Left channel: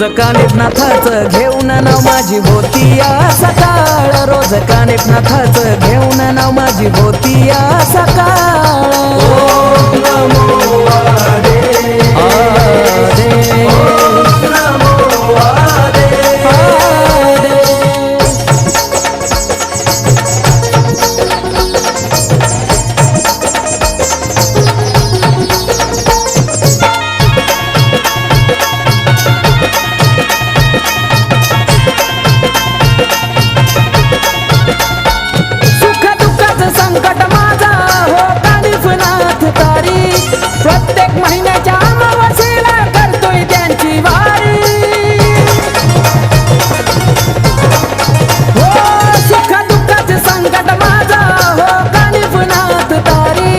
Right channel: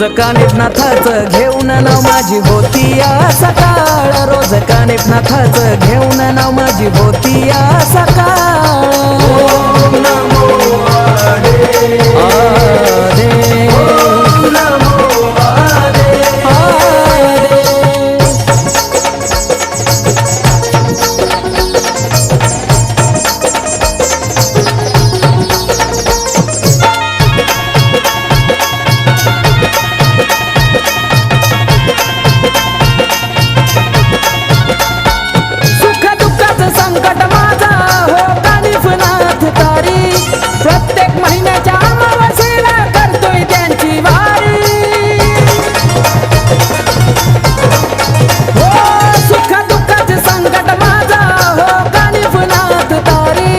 रोज कानिफनाथाचं घेऊन नाव माझी होती या सकाळ, रोज कानिफनाथाचं घेऊन नाव माझी होती या सकाळ।